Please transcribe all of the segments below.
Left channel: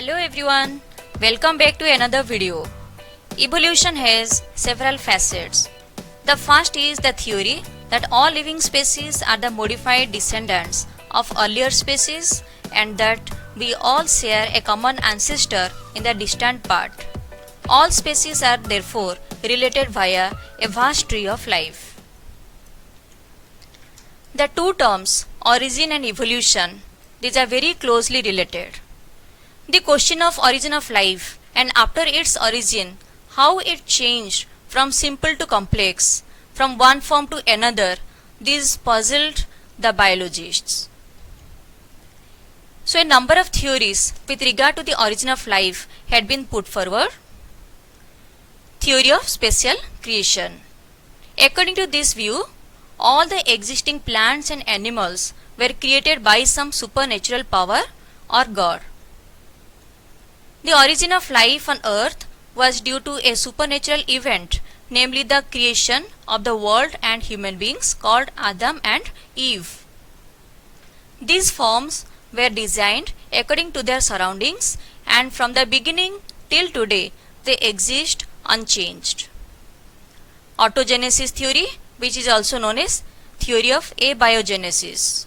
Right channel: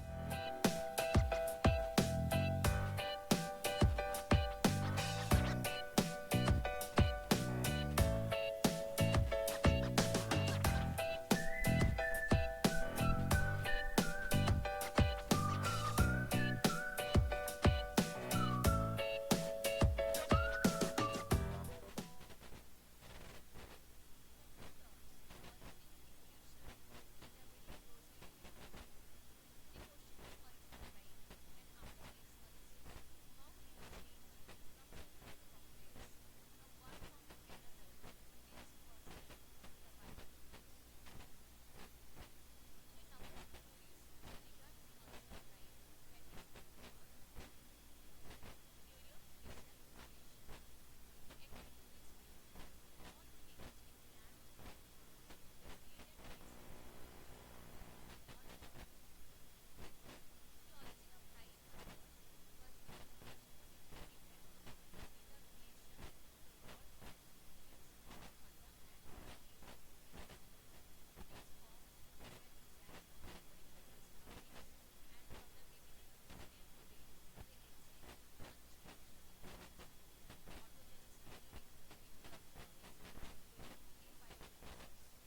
Hello everyone, welcome back to another video. Evolution has several facets. The first is the theory that all living species are the modified descendants of earlier species and that we all share a common ancestor in the distant part. All species are therefore related via a vast tree of life. The two terms origin and evolution, these are very closely related. The question of origin of life and after its origin, how it changed from simple to complex, from one form to another, this puzzled the biologists. So a number of theories with regard to the origin of life had been put forward. Theory of spatial creation. According to this view, all the existing plants and animals were created by some supernatural power or God. The origin of life on earth was due to a supernatural event, namely the creation of the world and human beings called Adam and Eve. These forms were designed according to their surroundings and from the beginning till today they exist unchanged. Autogenesis theory, which is also known as theory of abiogenesis.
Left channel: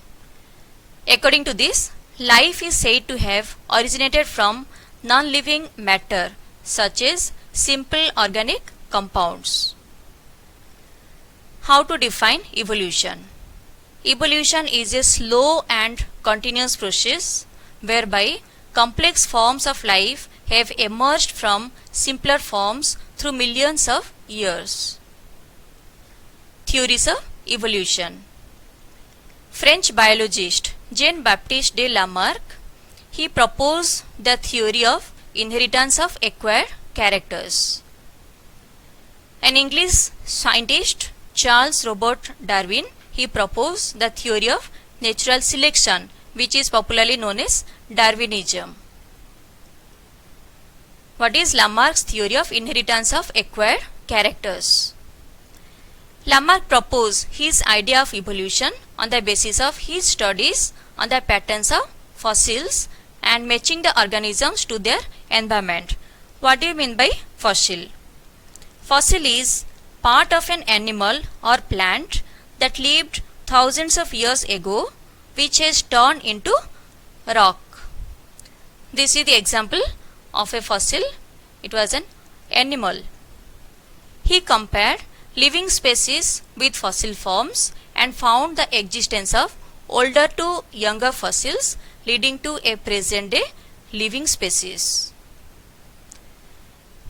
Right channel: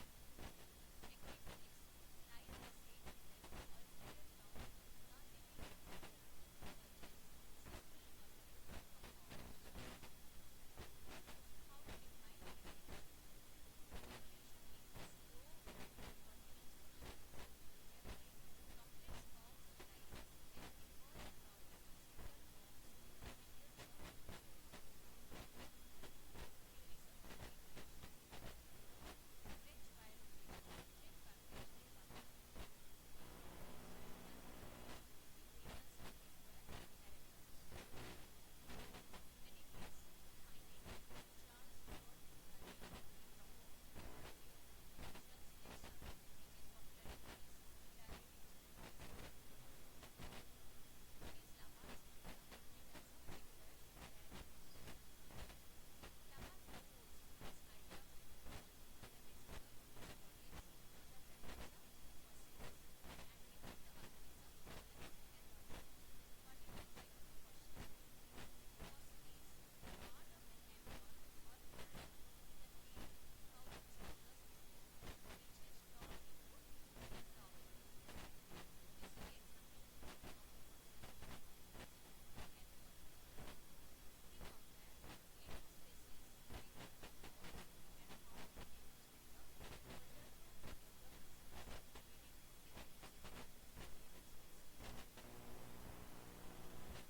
According to this, life is said to have originated from non-living matter such as simple organic compounds. How to define evolution? Evolution is a slow and continuous process whereby complex forms of life have emerged from simpler forms through millions of years. Theories of evolution. French biologist Jean-Baptiste de Lamarck, he proposed the theory of inheritance of acquired characters. An English scientist, Charles Robert Darwin, he proposed the theory of natural selection, which is popularly known as Darwinism. What is Lamarck's theory of inheritance of acquired characters? Lamarck proposed his idea of evolution on the basis of his studies on the patterns of fossils and matching the organisms to their environment. What do you mean by fossil? Fossil is part of an animal or plant that lived thousands of years ago, which has turned into rock. This is the example of a fossil. It was an animal. He compared living species with fossil forms and found the existence of older to younger fossils leading to a present day living species.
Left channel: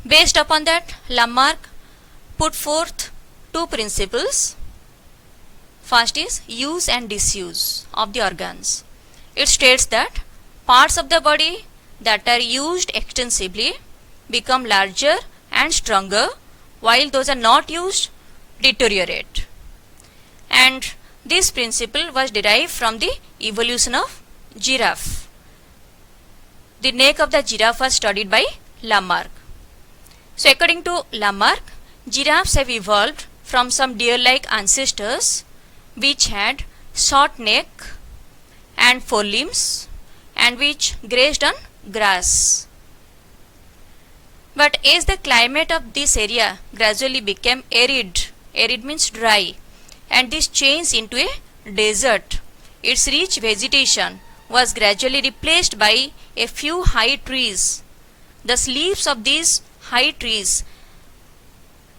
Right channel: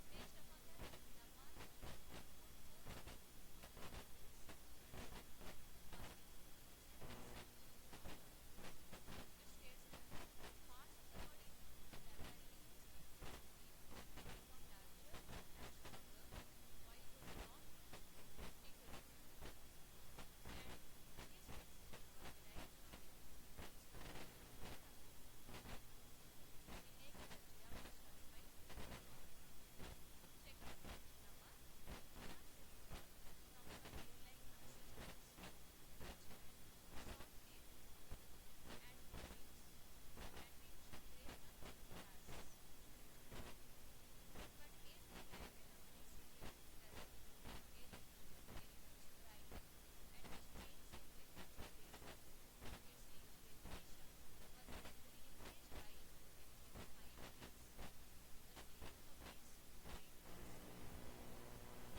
Based upon that, Lamarck put forth two principles. First is use and disuse of the organs. It states that parts of the body that are used extensively become larger and stronger, while those are not used deteriorate. And this principle was derived from the evolution of giraffe. The neck of the giraffe was studied by Lamarck. So according to Lamarck, giraffes have evolved from some deer-like ancestors which had short neck and forelimbs and which grazed on grass. But as the climate of this area gradually became arid means dry, and this changed into a desert, its rich vegetation was gradually replaced by a few high trees. The leaves of these high trees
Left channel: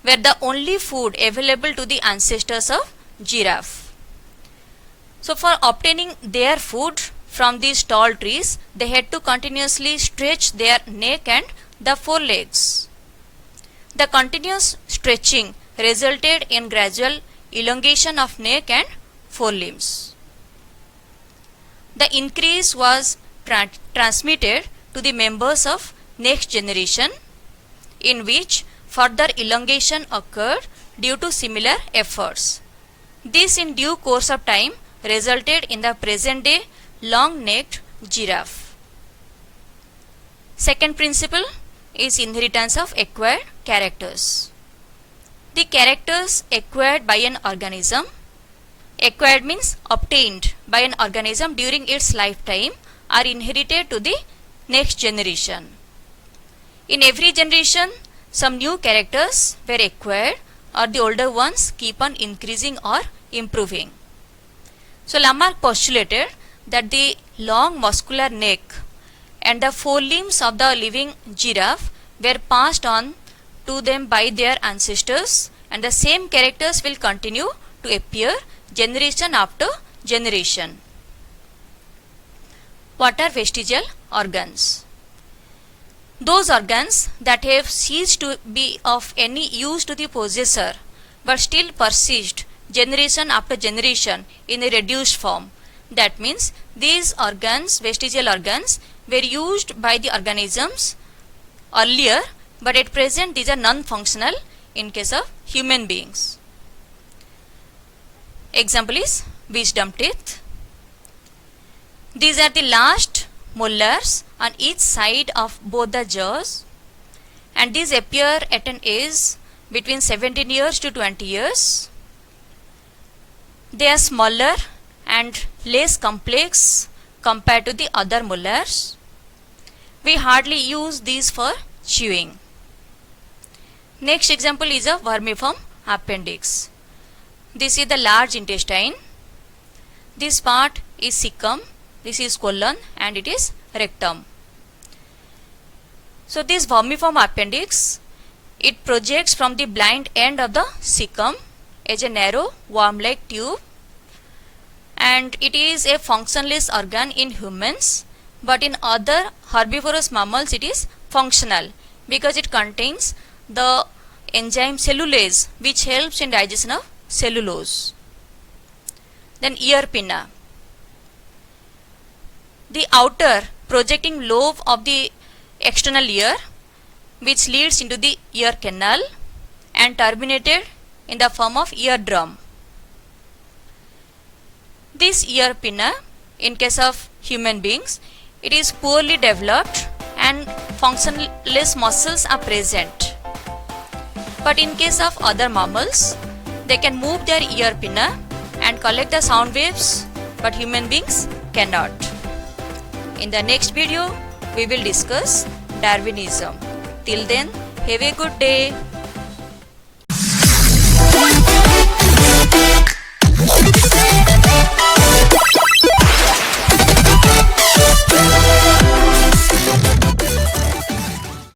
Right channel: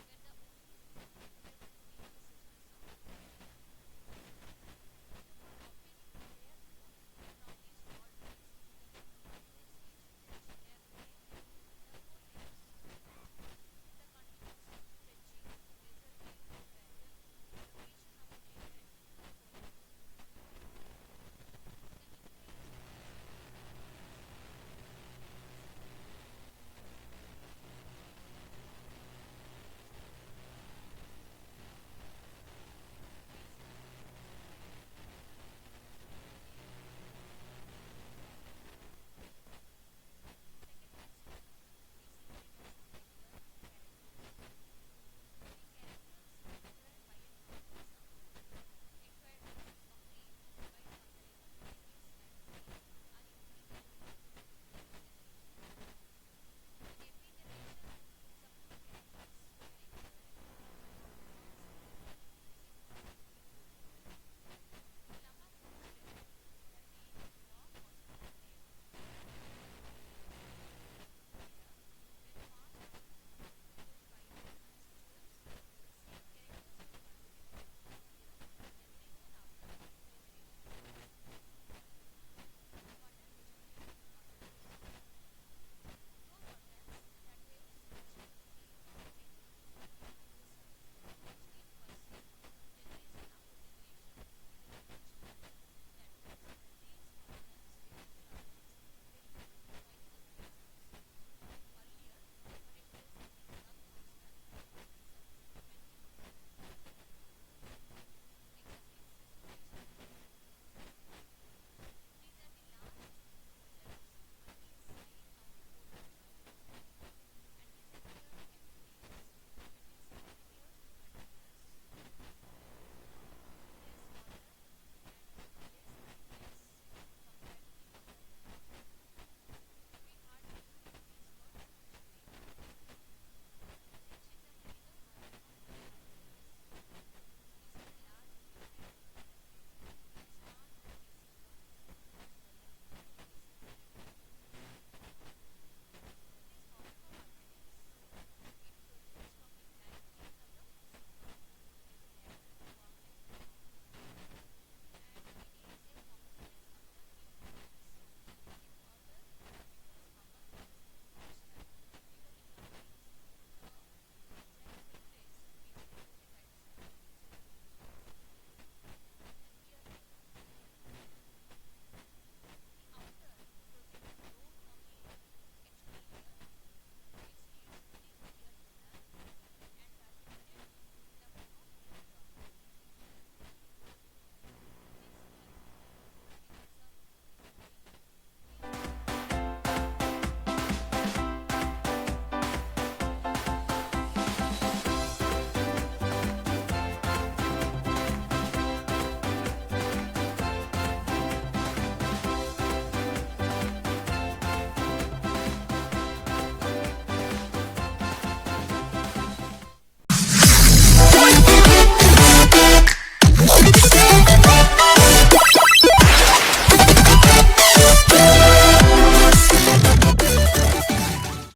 were the only food available to the ancestors of giraffe. So for obtaining their food from these tall trees, they had to continuously stretch their neck and the forelegs. The continuous stretching resulted in gradual elongation of neck and forelimbs. The increase was transmitted to the members of next generation, in which further elongation occurred due to similar efforts. This in due course of time resulted in the present day long-necked giraffe. Second principle is inheritance of acquired characters. The characters acquired by an organism, acquired means obtained by an organism during its lifetime, are inherited to the next generation. In every generation, some new characters were acquired or the older ones keep on increasing or improving. So Lamarck postulated that the long muscular neck and the forelimbs of the living giraffe were passed on to them by their ancestors, and the same characters will continue to appear generation after generation. What are vestigial organs? Those organs that have ceased to be of any use to the possessor but still persist generation after generation in a reduced form. That means these organs, vestigial organs, were used by the organisms earlier, but at present these are non-functional in case of human beings. Example is wisdom teeth. These are the last molars on each side of both the jaws, and these appear at an age between 17 years to 20 years. They are smaller and less complex compared to the other molars. We hardly use these for chewing. Next example is a vermiform appendix. This is the large intestine. This part is cecum, this is colon, and it is rectum. So this vermiform appendix, it projects from the blind end of the cecum as a narrow worm-like tube, and it is a functionless organ in humans, but in other herbivorous mammals it is functional because it contains the enzyme cellulase which helps in digestion of cellulose. Then ear pinna. The outer projecting lobe of the external ear which leads into the ear canal and terminated in the form of eardrum. This ear pinna, in case of human beings, it is poorly developed and functionless muscles are present. But in case of other mammals, they can move their ear pinna and collect the sound waves, but human beings cannot. In the next video, we will discuss Darwinism. Till then, have a good day.